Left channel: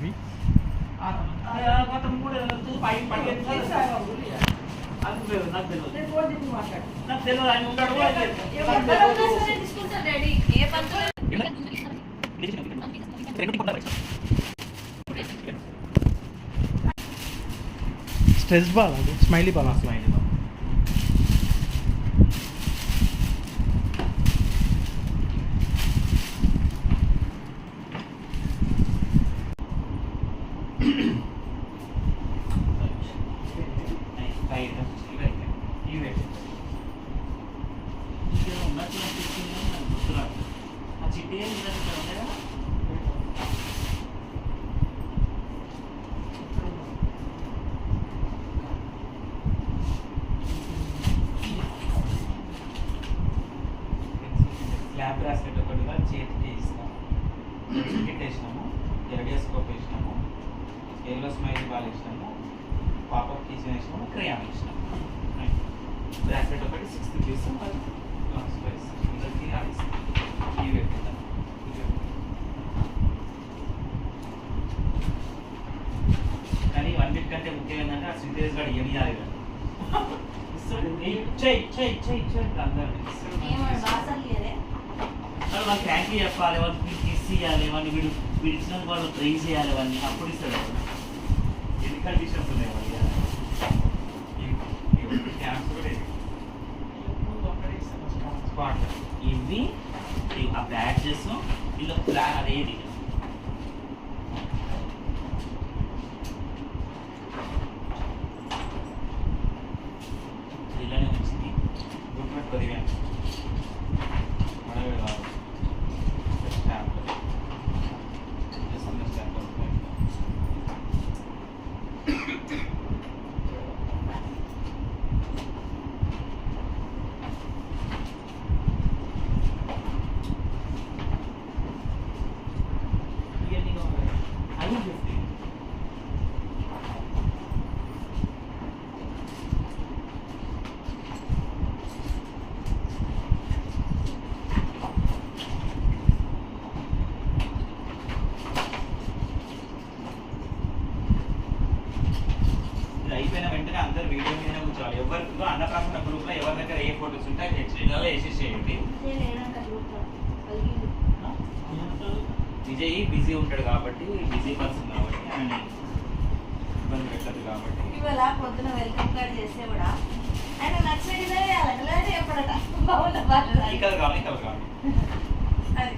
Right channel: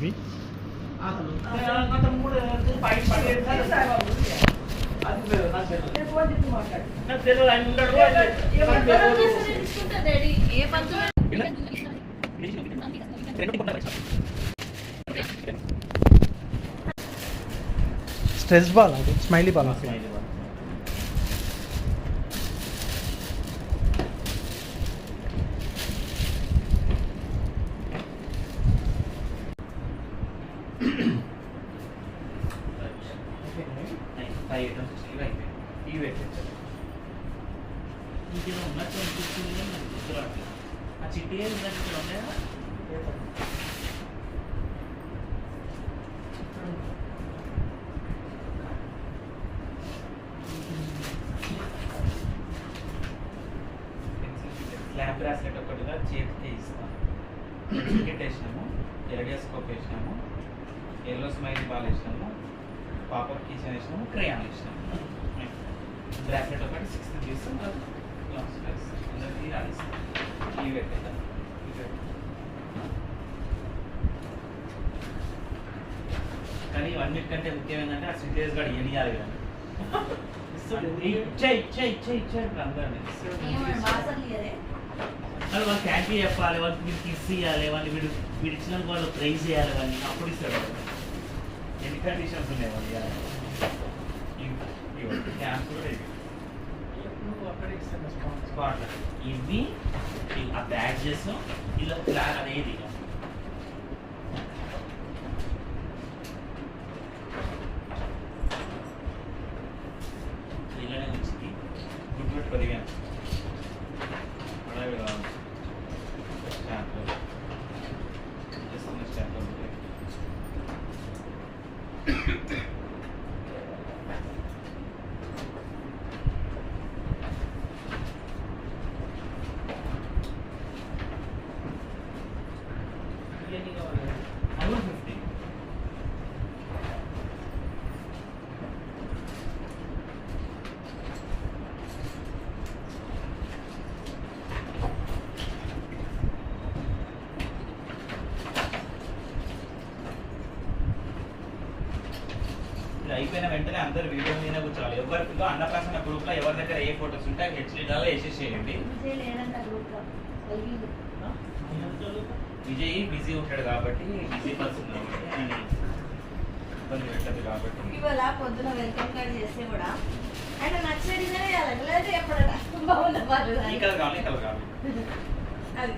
ఇవి stress ball అది smiley ball slab bracelet ఒకటిగా చేతికి ఇస్తాం. టికెట్ వేసినాము, ఎరగేస్కోప్ వేసినాము, ఎల్లో స్మైల్ బాల్ వేసినాము, పాపర్ కిచెన్ వేసినాము, క్రేయాన్ వేసినాము. బ్రాస్లెట్ ఒకటి 60 తీస్తాం, అందరికీ ఆడిస్తాం. ఇవి పెట్టుకుంటాం. కానీ ఇవన్నిటికంటే ముఖ్యం ఏంటంటే ఆ శ్రీతేజ్ గారు ఏమి చేయాలి వాళ్ళు థ్యాంక్ యూ చెప్పాలి, వాళ్ళకి కిస్ ఇవ్వాలి, వాళ్ళు వీడు ఇచ్చినందుకు వాళ్ళు ప్రైజ్ చేయాలి, అవన్నీ అప్పుడు ఇస్తాడు. ఎన్ని కండిషన్స్ ఉన్నాయి మళ్ళీ క్యాంప్స్ కూడా స్పాట్ ఇవి ఆ బ్యాడ్జెస్ ఇలా ఫ్లాగ్ అదేది ఇలానే చూసి గుడ్ 10,000 అయిపోయిన వెంటనే అందరు వీడియో మీద కూర్చోవాలి. ఎవరిలో అన్నప్రాసన గ్రూప్ లో ఎవరి దగ్గర ఏ ఫోటోస్ ఉంటాయి హెచ్డీలలో వేసేసేయండి. విజయ్ బిజీ ఉంటాడు కాబట్టి, బిజీ పర్సన్ కాబట్టి ఆయన ఇబ్బంది పెట్టదు కాబట్టి ఇవాళ పొద్దున వెల్కమ్ కార్డ్ చేస్తే కూడా ఆయన నచ్చిన డిజైన్ వేయాలి. ఎప్పుడైనా బాగుంది ఈ కలర్ కావాలి, ఈ కలర్ కావాలి. అది